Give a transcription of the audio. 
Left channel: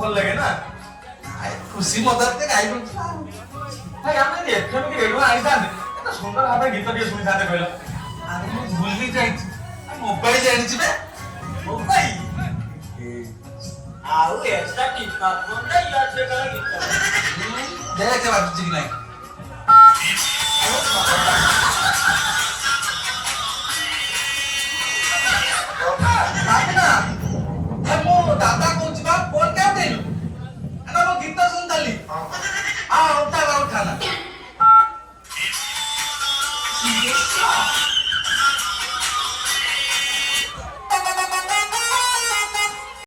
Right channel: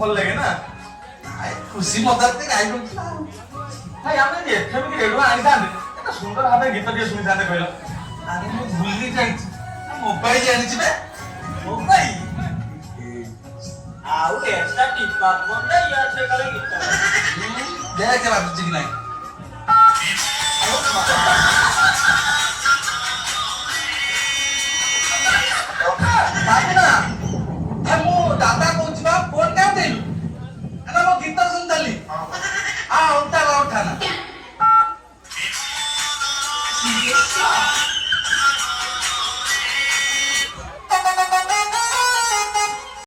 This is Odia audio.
ଭଲ ଲାଗେ ନା ଖୁସି ମଜାରେ ଗାଇ ଦଉଥିଲା ଭାଇ ଆମେ ଏଫଏମ୍ କି ରେଡିଓ ଆଣିଥାନ୍ତେ ଏତେ ସୁନ୍ଦର ଭାବେ ଗୀତ ଟିକେ ଶୁଣିଥାନ୍ତେ କହିଲ ଆରେ ମୁଁ ଭୁଲି ଯାଇଛି ମୋବାଇଲ ଆଣିଛି ବେ ମୋବାଇଲ ଆଉ ଏକ୍ସଟ୍ରା ଟିପା ବନ୍ଧା ୟାର ଗୀତ ଦେଖେ ବାଜୁଛି କି ନାହିଁ